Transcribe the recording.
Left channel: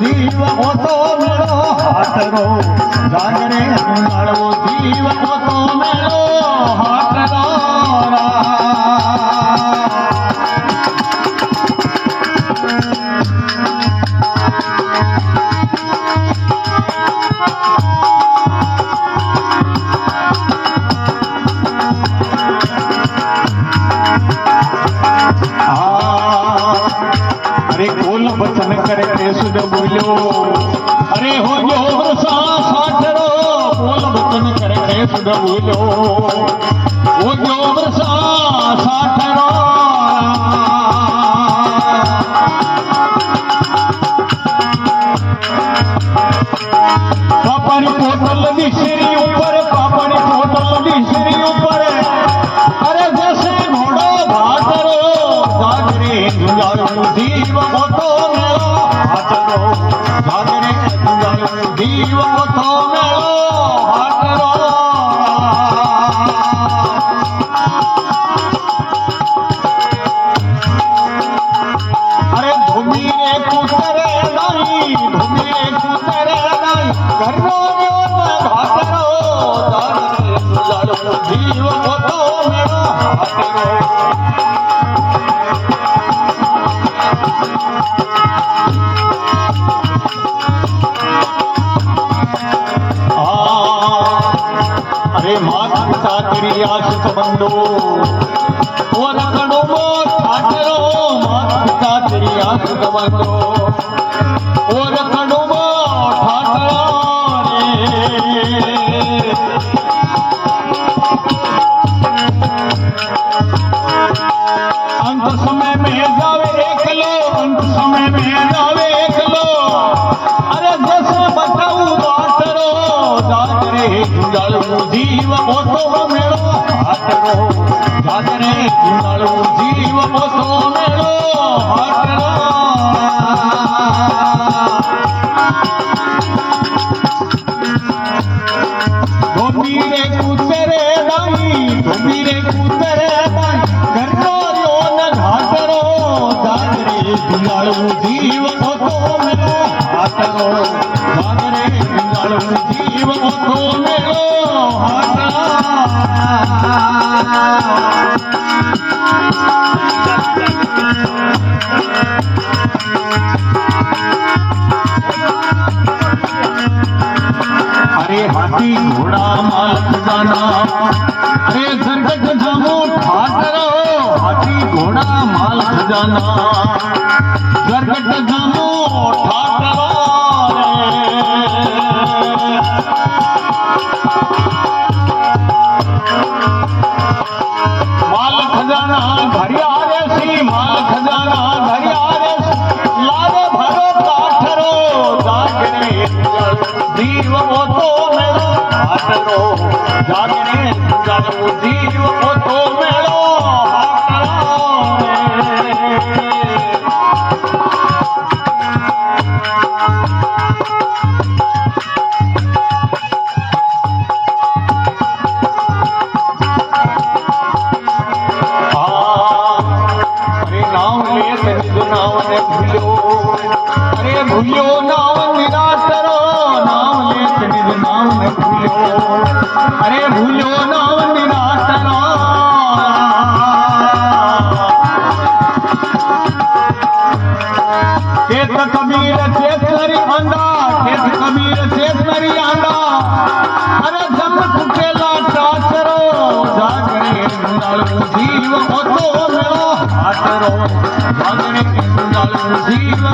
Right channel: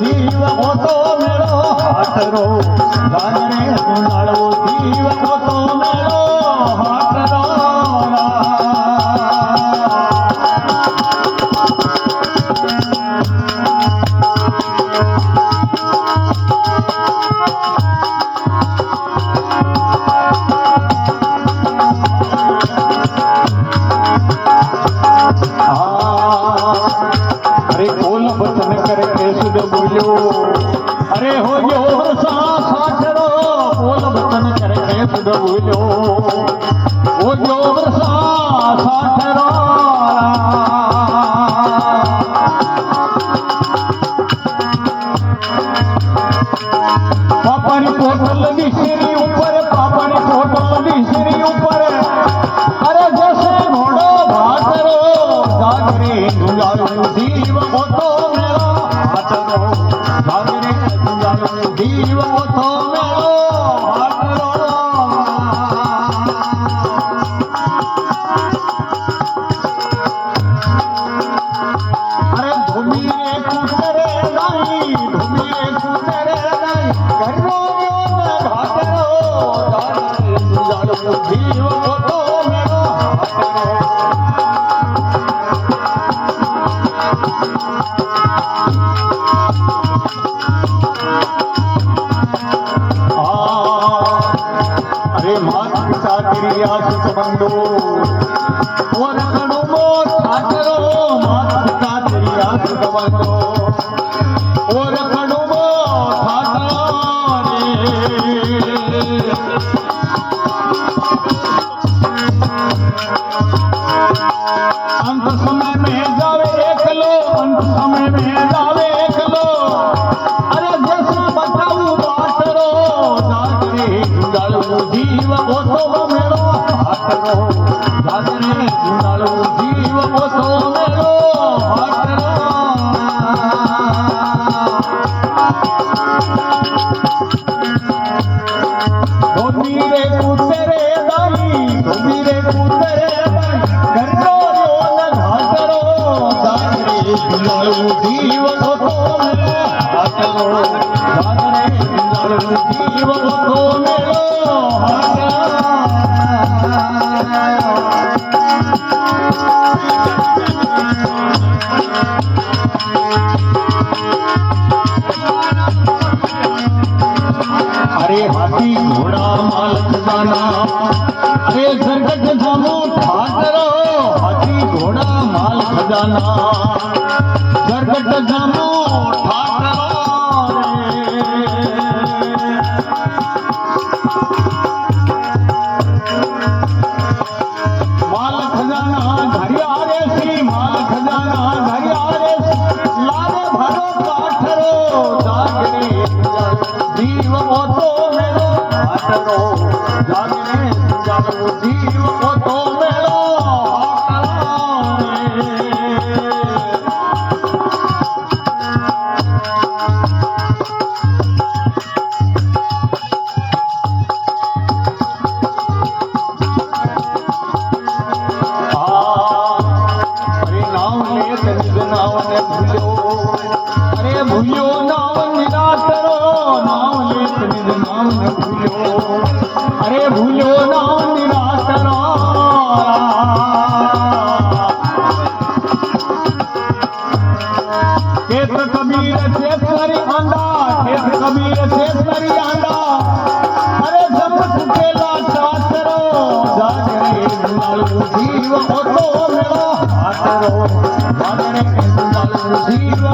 જીવ મોટો મેળો હાથરો જાગરે માળવો જીવ મોટો મેળો હાથરો कोल बचन करे केसुद बोलो अरे हो गयो वर्षा साठरो कोल बचन करे केसुद बोलो हो गयो वर्षा साठरो पापड़ी पोटल दिशरी ऊपर पापड़ी पोटल दिशरी ऊपर अरे जैसे घोड़ो भाटरो जागरे दुलारू जीव मोटो मेलो हाटरो जागरे दुलारू जीव मोटो मेलो हाटरो अरे धुमीरे कुतरे नहीं धुमीरे कुतरे नहीं घरो हाटरो जागरे दुलारू जीव मोटो मेलो हाटरो मात पिता तेरी आशिक बंदो और कड़ोबो ठाकरो मात पिता तेरी आशिक बंदो और कड़ोबो ठाकरो अंत समय में जावे एकलो अंत समय में जावे एकलो अरे दस बताऊ बाटरो जागरे जुड़ालू जीव मोटो मेलो हाटरो जागरे जुड़ालू जीव मोटो मेलो हाटरो धोमीरे कुतरे दाई धोमीरे कुतरे दाई घरो न घाटरो जागरे जुड़ालू जीव मोटो मेलो हाटरो जागरे जुड़ालू जीव मोटो मेलो अरे हाथी घोड़ा माल खजाना अरे जरगट जामो ठाकरो हाथी घोड़ा माल खजाना जरगट जामो ठाकरो माल खजाना घरियारे सी माल खजाना घरियारे लागे भरो काठरो जागरे जीव मोटो मेलो हाटरो जागरे जीव मोटो मेलो अरे भूलो नाव निरातरो नाम लेत निज नाम न भूलो अरे भूलो नाव निरातरो खेत कबीर चेतरी आंदा खेत कबीर चेतरी आंदा अरे जब कुकेला टासरो जागरे जुड़ालू जीव मोटो मेलो हाटरो जागरे जुड़ालू जीव